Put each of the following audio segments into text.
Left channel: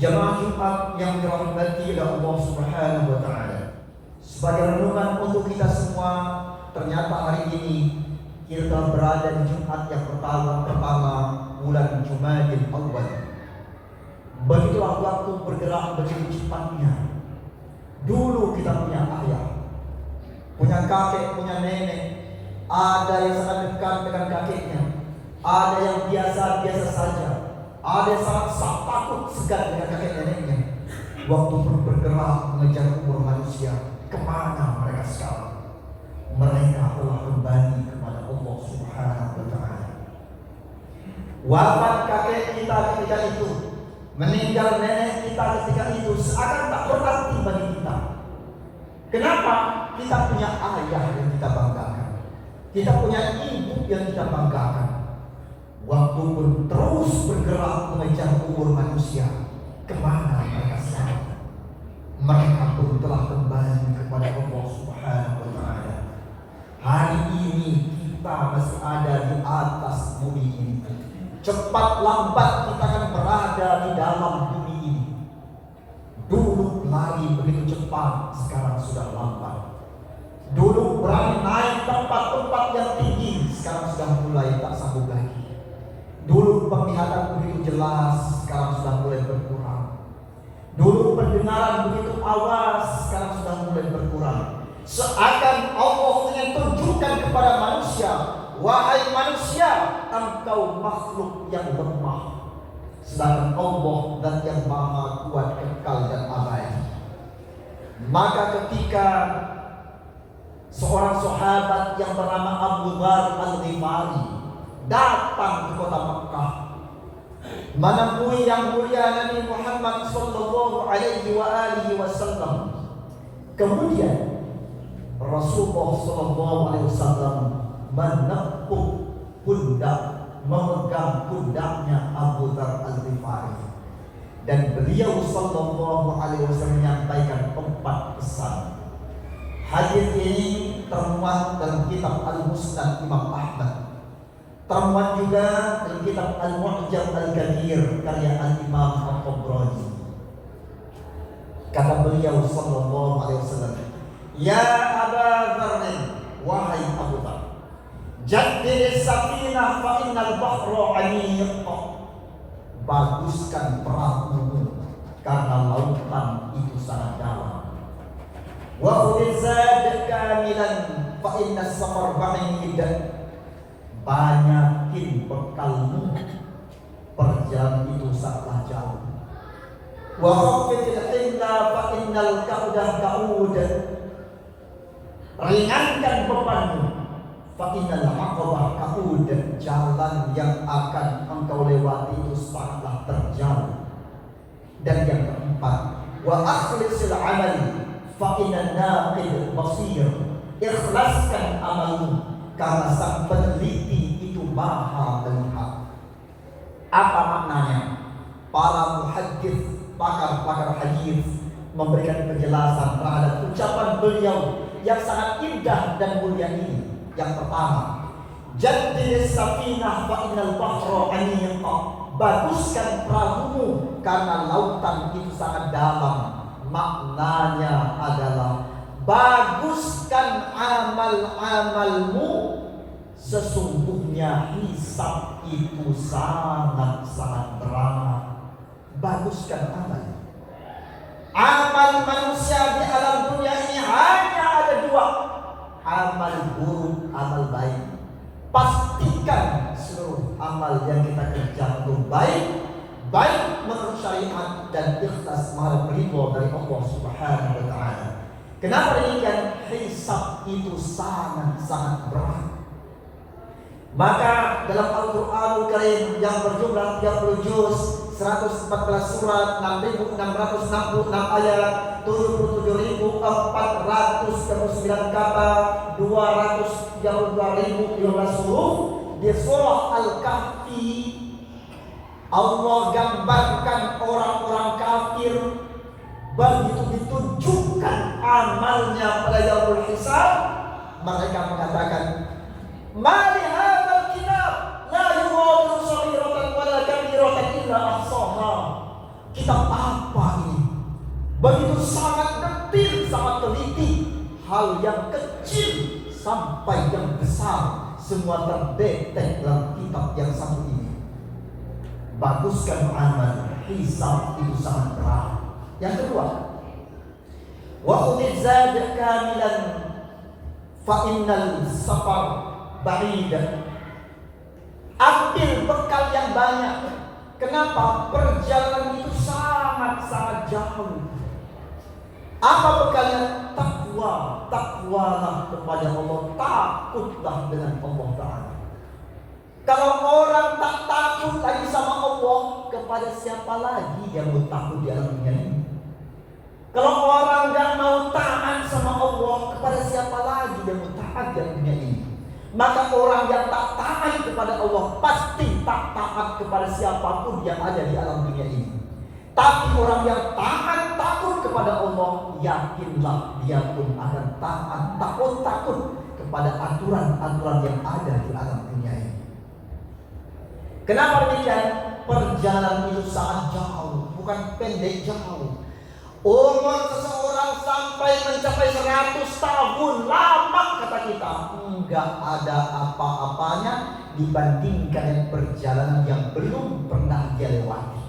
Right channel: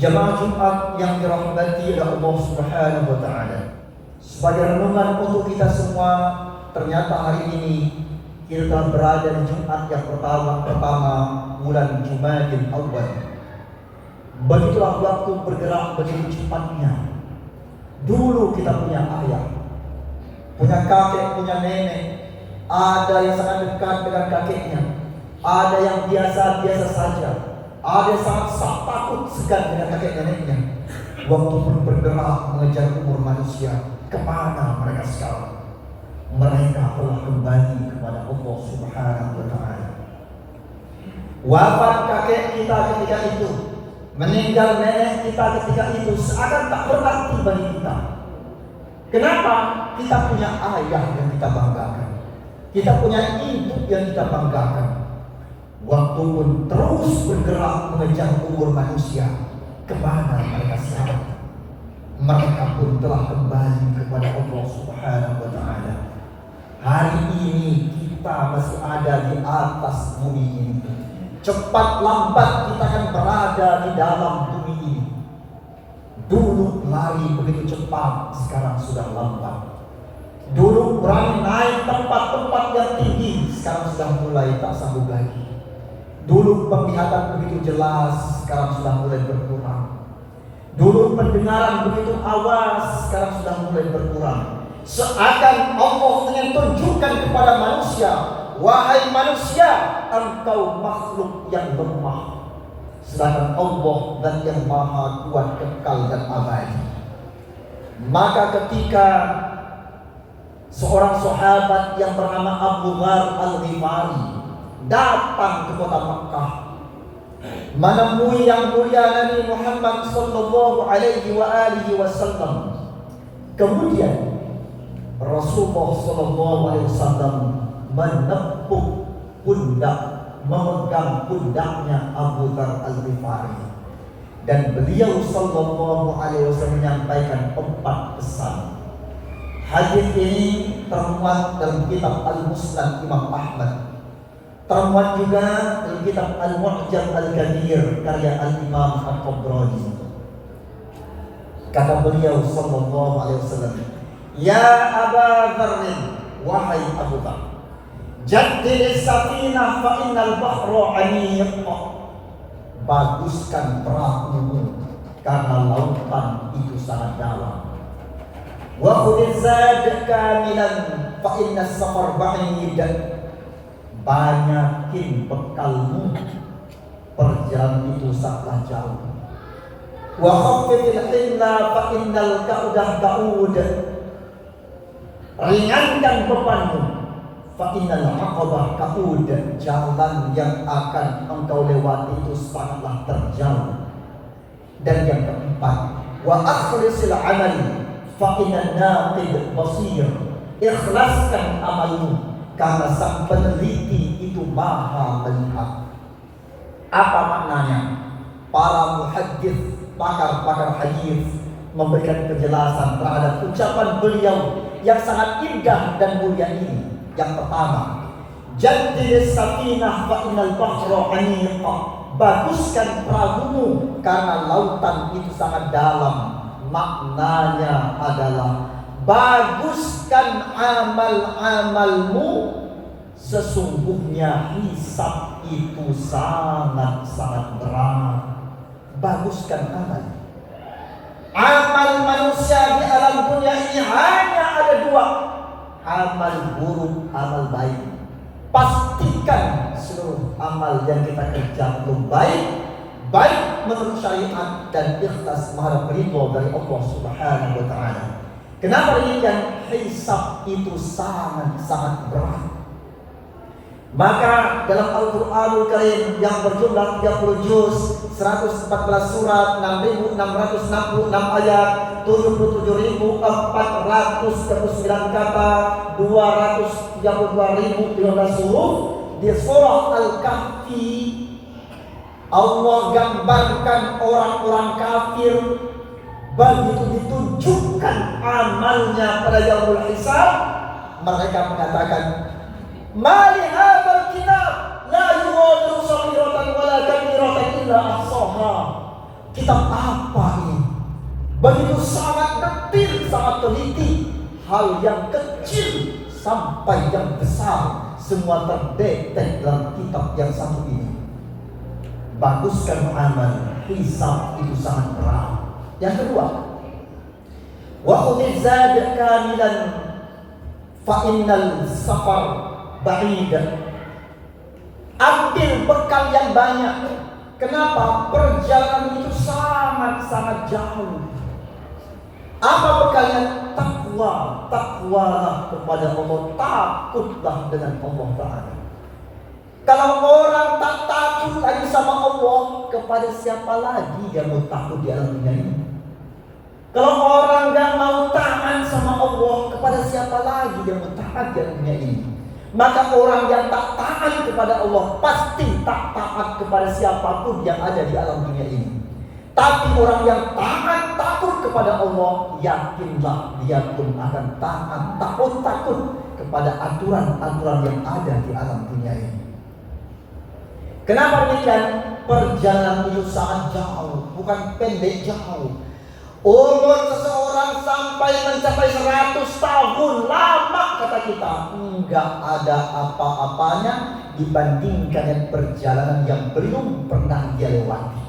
Jamaah Jumat yang dirahmati oleh Allah Subhanahu wa taala. Sebagai renungan untuk kita semua, ternyata hari ini kita telah berada di Jumat yang pertama bulan Jumadil Awal. Begitulah waktu bergerak begitu cepatnya. Dulu kita punya ayah, punya kakek, punya nenek. Ada yang sangat dekat dengan kakeknya, ada yang biasa-biasa saja, ada yang sangat takut segan dengan kakek neneknya. Waktu pun bergerak mengejar umur manusia, kemana mereka sekarang? Mereka telah kembali kepada Allah Subhanahu wa taala. Wafat kakek kita ketika itu, meninggal nenek kita ketika itu, seakan tak berarti bagi kita. Kenapa? Kita punya ayah yang kita banggakan, kita punya ibu yang kita banggakan. Waktu pun terus bergerak mengejar umur manusia, kemana mereka sekarang? Mereka pun telah kembali kepada Allah Subhanahu wa taala. Hari ini kita masih ada di atas bumi ini. Cepat lambat kita akan berada di dalam bumi ini. Dulu lari begitu cepat, sekarang sudah lambat. Dulu berani naik tempat-tempat yang tinggi, sekarang sudah mulai tak sanggup lagi. Dulu penglihatan begitu jelas, sekarang sudah mulai berkurang. Dulu pendengaran begitu awas, sekarang sudah mulai berkurang. Seakan Allah ingin tunjukkan kepada manusia, wahai manusia, engkau makhluk yang lemah, sedangkan Allah dan yang maha kuat, kekal dan abadi. Maka ketika seorang sahabat yang bernama Abu Dzar Al-Ghifari datang ke kota Mekah, menemui yang mulia Nabi Muhammad sallallahu alaihi wasallam. Kemudian Rasulullah sallallahu alaihi wasallam menepuk pundak, memegang pundaknya Abu Dzar Al-Ghifari, dan beliau sallallahu alaihi wasallam menyampaikan 4 pesan. Hadis ini termuat dalam kitab Al-Musnad Imam Ahmad, termuat juga dalam kitab Al-Mu'jam Al-Kabir karya Al-Imam At-Tabrani. Kata beliau sallallahu alaihi wasallam, "Ya Aba Dzar, wahai Abu Dzar, jaddid safinah fa innal bahra 'amiq." Baguskan perahumu karena lautan itu sangat dalam. Wa khudh zad kamilan fa inna safar ba'id. Banyakin bekalmu, perjalanan itu sangatlah jauh. Wa khaffifil himla fa innal ka'udah ka'ud. Ringankan bebanmu, fa innal aqabah ka'ud. Jalan yang akan engkau lewati itu sangatlah terjal. Dan yang keempat, wa akhlisil amali fa inna naqid basir. Ikhlaskan amalmu karena sang peneliti itu maha melihat. Apa maknanya? Para muhaddits, pakar-pakar hadis memberikan penjelasan terhadap ucapan beliau yang sangat indah dan mulia ini. Yang pertama, jaddid safinah fa innal bahra 'amiq. Baguskan perahumu karena lautan itu sangat dalam. Maknanya adalah baguskan amal-amalmu, sesungguhnya hisab itu sangat-sangat berat. Baguskan amal. Amal manusia di alam dunia ini hanya ada 2, amal buruk, amal baik. Pastikan seluruh amal yang kita kerjakan itu baik menurut syariat dan ikhlas mengharap ridho dari Allah Subhanahu wa taala. Kenapa demikian? Hisab itu sangat-sangat berat. Maka dalam Al-Qur'anul Karim yang berjumlah 30 juz, 114 surat, 6.666 ayat, 77.439 kata, 232.015 huruf. Di surah Al-Kahfi Allah gambarkan orang-orang kafir begitu ditunjukkan amalnya pada yaumul hisab, mereka mengatakan, "Ma li hadzal kitab la yughadiru saghiratan wala kabiratan illa ahsaha." kitab apa ini? Begitu sangat detil, sangat teliti. Hal yang kecil sampai yang besar semua terdetek dalam kitab yang satu ini. Baguskan amal, hisab itu sangat berat. Yang kedua, wa udizad kamilan fa innal safar ba'id. Ambil bekal yang banyak. Kenapa? Perjalanan itu sangat-sangat jauh. Apa bekalnya? Takwa. Takwalah kepada Allah. Takutlah dengan Allah Ta'ala. Kalau orang tak takut lagi sama Allah, kepada siapa lagi dia mau takut di alam dunia ini? Kalau orang gak mau taat sama Allah, kepada siapa lagi dia mau taat di alam dunia ini? Maka orang yang tak taat kepada Allah pasti tak taat kepada siapapun yang ada di alam dunia ini. Tapi orang yang taat, takut kepada Allah, yakinlah dia pun akan taat, takut kepada aturan-aturan yang ada di alam dunia ini. Kenapa demikian? Perjalanan itu sangat jauh, bukan pendek, jauh. Umur seseorang sampai mencapai 100 tahun, lama kata kita. Enggak ada apa-apanya dibandingkan dengan perjalanan yang belum pernah dia lewati.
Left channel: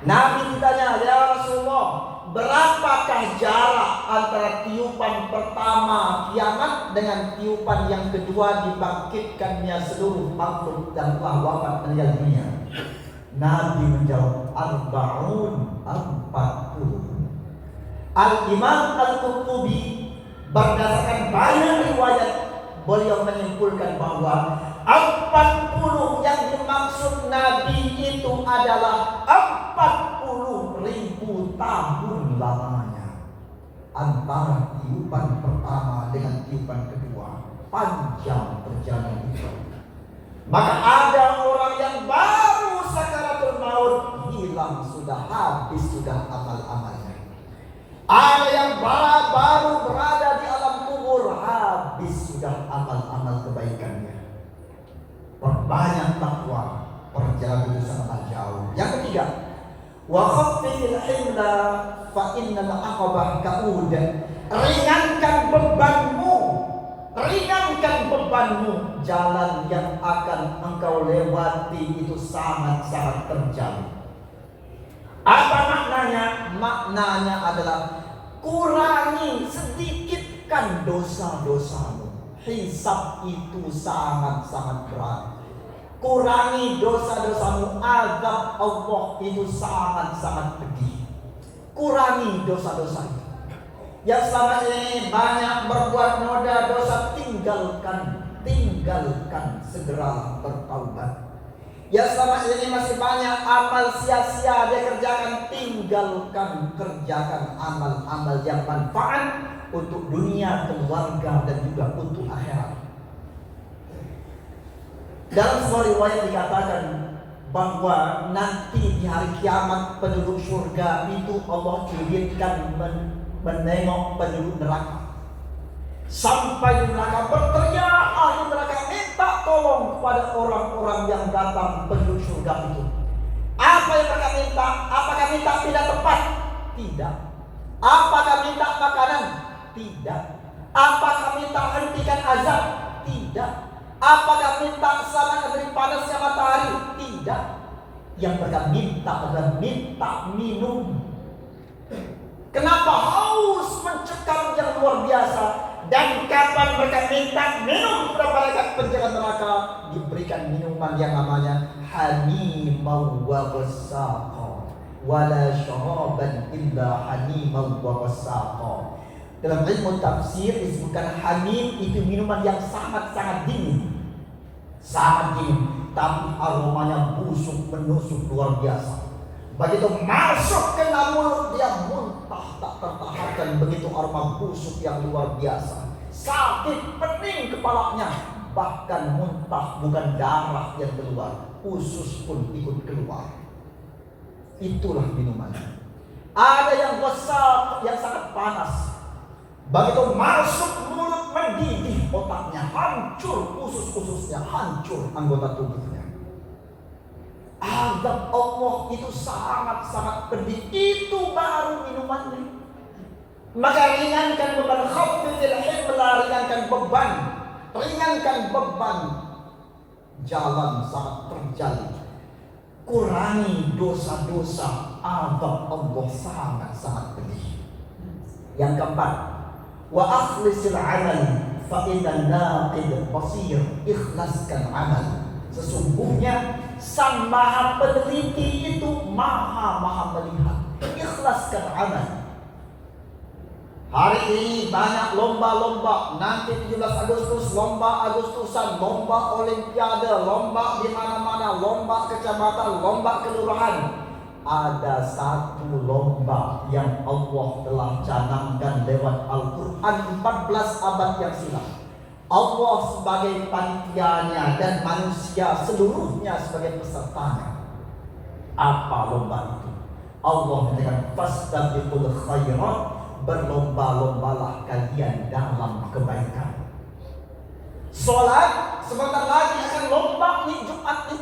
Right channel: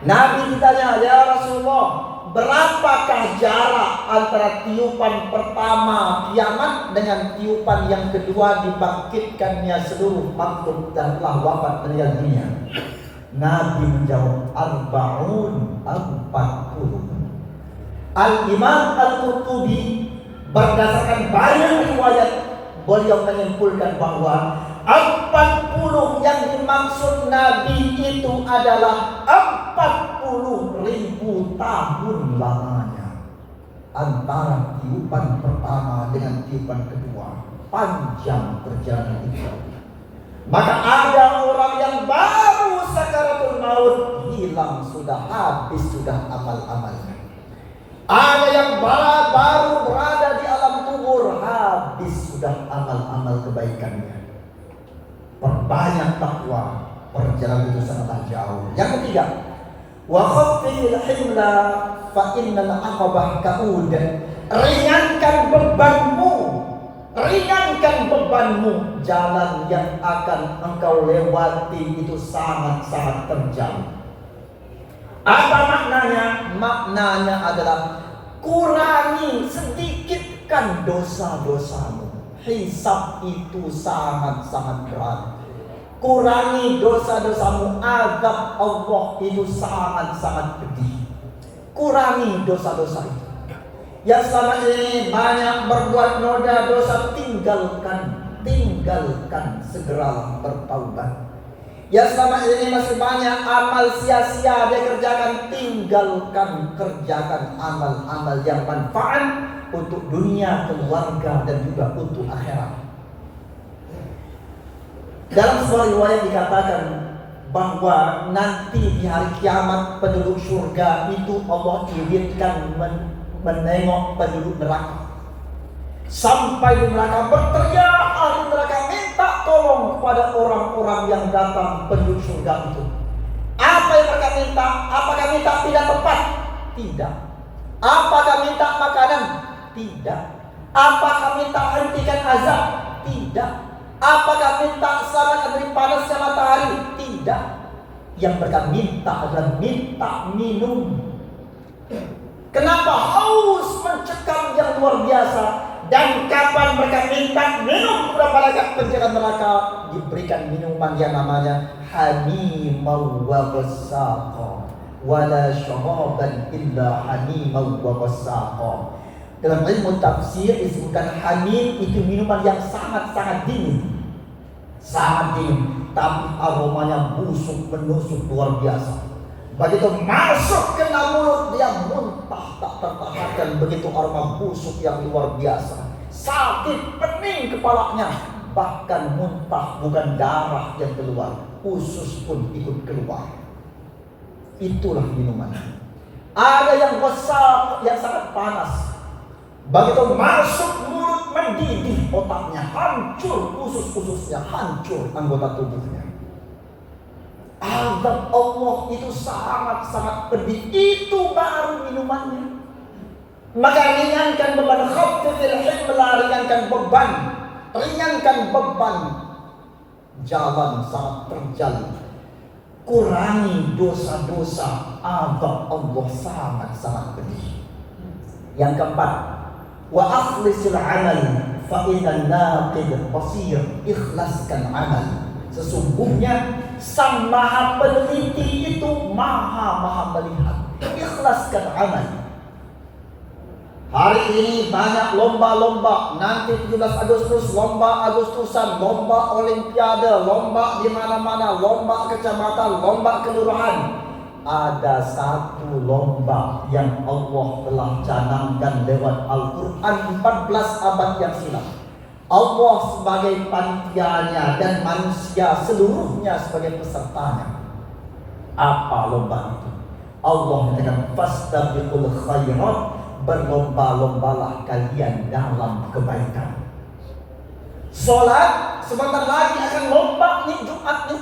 Nabi ditanya, ya Rasulullah, berapakah jarak antara tiupan pertama kiamat dengan tiupan yang kedua dibangkitkannya seluruh makhluk yang telah wafat meninggal dunia? Nabi menjawab, 40. Al-Imam Al-Qurtubi berdasarkan banyak riwayat, beliau menyimpulkan bahwa 40 yang dimaksud Nabi itu adalah 40.000 tahun lamanya antara tiupan pertama dengan tiupan kedua. Panjang perjalanan itu. Maka ada orang yang baru sakaratul maut, hilang sudah, habis sudah amal-amalnya. Ada yang baru berada di alam kubur, habis sudah amal-amal kebaikannya. Perbanyak takwa, perjalanan itu sangat jauh. Yang ketiga, wa khaffifil himla fa innal aqabah ka'ud. Ringankan bebanmu, jalan yang akan engkau lewati itu sangat-sangat terjal. Apa maknanya? Maknanya adalah kurangi, sedikitkan dosa-dosamu. Hisab itu sangat-sangat berat. Kurangi dosa-dosamu, azab Allah itu sangat-sangat pedih. Kurangi dosa-dosa itu. Yang selama ini banyak berbuat noda dosa, tinggalkan, segeralah bertaubat. Yang selama ini masih banyak amal sia-sia dia kerjakan, tinggalkan, kerjakan amal-amal yang manfaat untuk dunia, keluarga, dan juga untuk akhirat. Dalam sebuah riwayat dikatakan bahwa nanti di hari kiamat penduduk surga itu Allah izinkan menengok penduduk neraka. Sampai di neraka berteriak, ahli neraka minta tolong kepada orang-orang yang datang penduduk surga itu. Apa yang mereka minta? Apakah minta tidak tepat? Tidak. Apakah minta makanan? Tidak. Apakah minta hentikan azab? Tidak. Apakah minta selamat dari panasnya matahari? Tidak. Yang mereka minta adalah minta minum. Kenapa? Haus mencekam yang luar biasa. Dan kapan mereka minta minum kepada malaikat penjaga neraka, diberikan minuman yang namanya hamimau wa ghassaqa, wala syaraban illa hamimau wa ghassaqa. Dalam ilmu tafsir disebutkan hamim itu minuman yang sangat-sangat dingin. Sangat dingin, tapi aromanya busuk, menusuk luar biasa. Begitu masuk ke dalam mulut, dia muntah tak tertahankan. Begitu aroma busuk yang luar biasa. Sakit, pening kepalanya. Bahkan muntah, bukan darah yang keluar, usus pun ikut keluar. Itulah minumannya. Ada yang besar, yang sangat panas. Begitu masuk mulut, mendidih otaknya, hancur usus-ususnya, hancur anggota tubuhnya. Azab Allah itu sangat-sangat pedih. Itu baru minumannya. Maka ringankan beban, khaffifil himla, ringankan beban, jalan saat terjal. Kurangi dosa-dosa, azab Allah sangat-sangat pedih. Yang keempat, wa akhlisil amal fa inna naqid qasir. Ikhlaskan amal. Sesungguhnya Sang Maha Peneliti itu maha melihat. Ikhlaskan amal. Hari ini banyak lomba-lomba. Nanti 17 Agustus lomba Agustusan, lomba olimpiade, lomba di mana-mana, lomba kecamatan, lomba kelurahan. Ada satu lomba yang Allah telah canangkan lewat Al-Quran 14 abad yang silam. Allah sebagai panitianya dan manusia seluruhnya sebagai pesertanya. Apa lomba itu? Allah mengatakan fastabiqul khairat, berlomba-lombalah kalian dalam kebaikan. Salat sebentar lagi akan lomba nih, Jumat nih.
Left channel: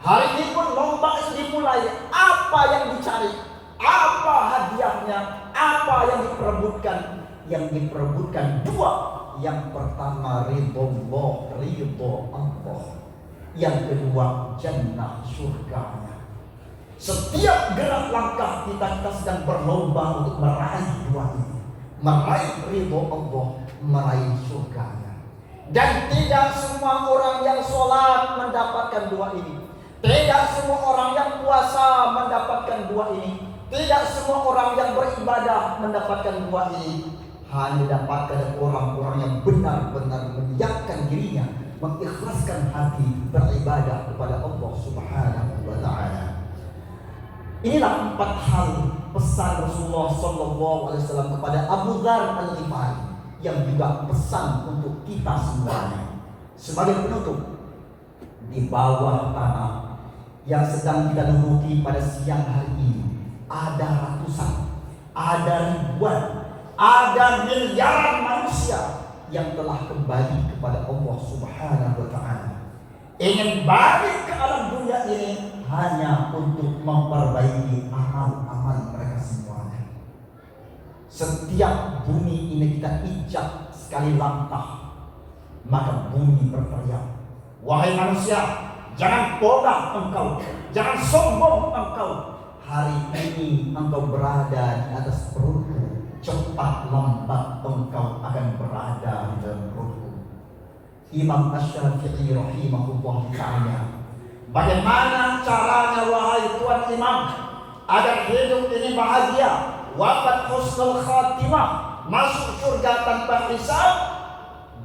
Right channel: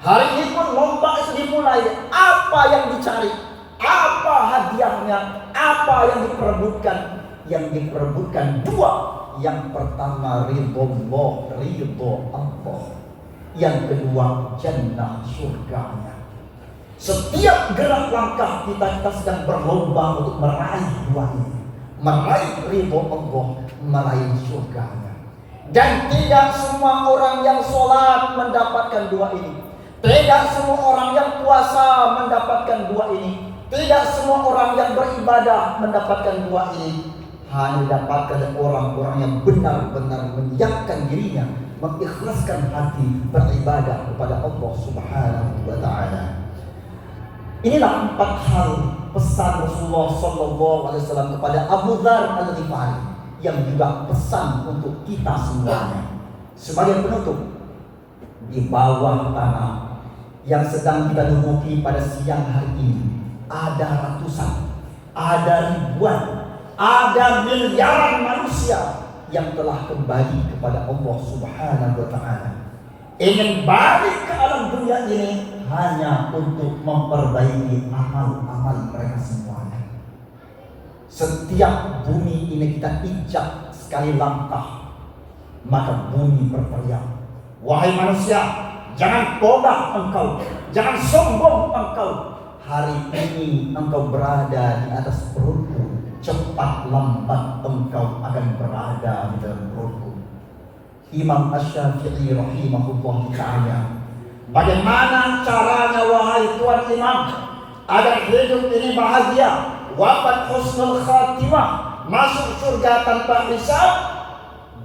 Hari ini pun lomba itu dimulai. Apa yang dicari? Apa hadiahnya? Apa yang diperebutkan? Yang diperebutkan dua. Yang pertama ridho Allah. Yang kedua jannah, surganya. Setiap gerak langkah kita sedang berlomba untuk meraih dua ini. Meraih ridho Allah, meraih surganya. Dan tidak semua orang yang sholat mendapatkan dua ini. Tidak semua orang yang puasa mendapatkan dua ini. Tidak semua orang yang beribadah mendapatkan dua ini. Hanya didapatkan orang-orang yang benar-benar menyiapkan dirinya, mengikhlaskan hati beribadah kepada Allah Subhanahu wa Ta'ala. Inilah 4 hal pesan Rasulullah SAW kepada Abu Dzar Al-Ghifari, yang juga pesan untuk kita semuanya. Sebagai penutup, di bawah tanah yang sedang kita duduki pada siang hari ini, ada ratusan, ada ribuan, ada miliaran manusia yang telah kembali kepada Allah Subhanahu wa Ta'ala. Ingin balik ke alam dunia ini hanya untuk memperbaiki amal-amal mereka semuanya. Setiap bumi ini kita injak sekali langkah, maka bumi berteriak, wahai manusia, jangan bodoh engkau, jangan sombong engkau. Hari ini engkau berada di atas perutku, cepat lambat engkau akan berada di dalam perutku. Imam Asy-Syafi'i rahimahullah ta'ala, bagaimana caranya wahai Tuan Imam agar hidup ini bahagia, wafat husnul khatimah, masuk surga tanpa hisab?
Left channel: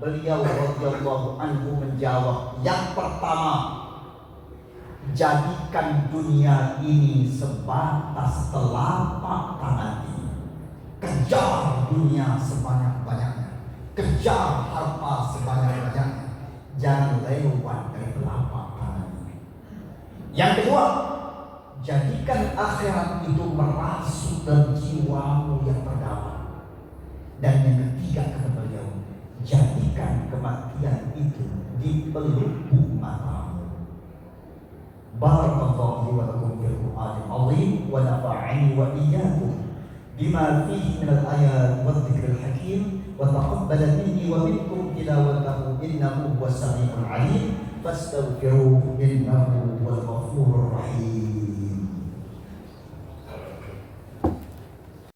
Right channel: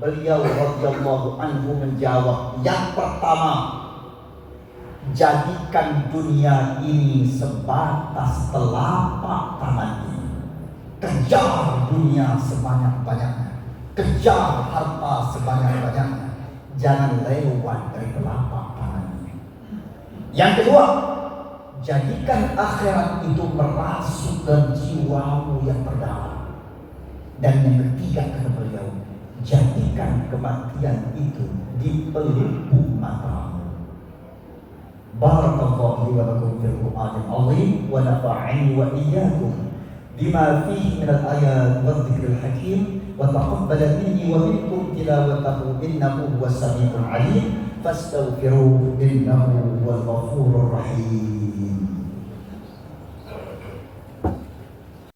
Beliau radhiyallahu anhu menjawab, yang pertama, jadikan dunia ini sebatas telapak tangan ini. Kejar dunia sebanyak-banyaknya, kejar harta sebanyak-banyaknya, jangan lewat dari telapak tangan ini. Yang kedua, jadikan akhirat itu merasuk dalam jiwamu yang terdalam. Dan yang ketiga, kata beliau, jadikan kematian itu di pelupuk matamu. Barakallahu wa lakum fil Qur'anil azim wa nafa'ani wa iyyakum bima fihi min al-ayat wa dzikril hakim wa taqabbala minni wa minkum tilawatahu innahu huwas samiul alim fastaghfiruhu innahu huwal ghafurur rahim.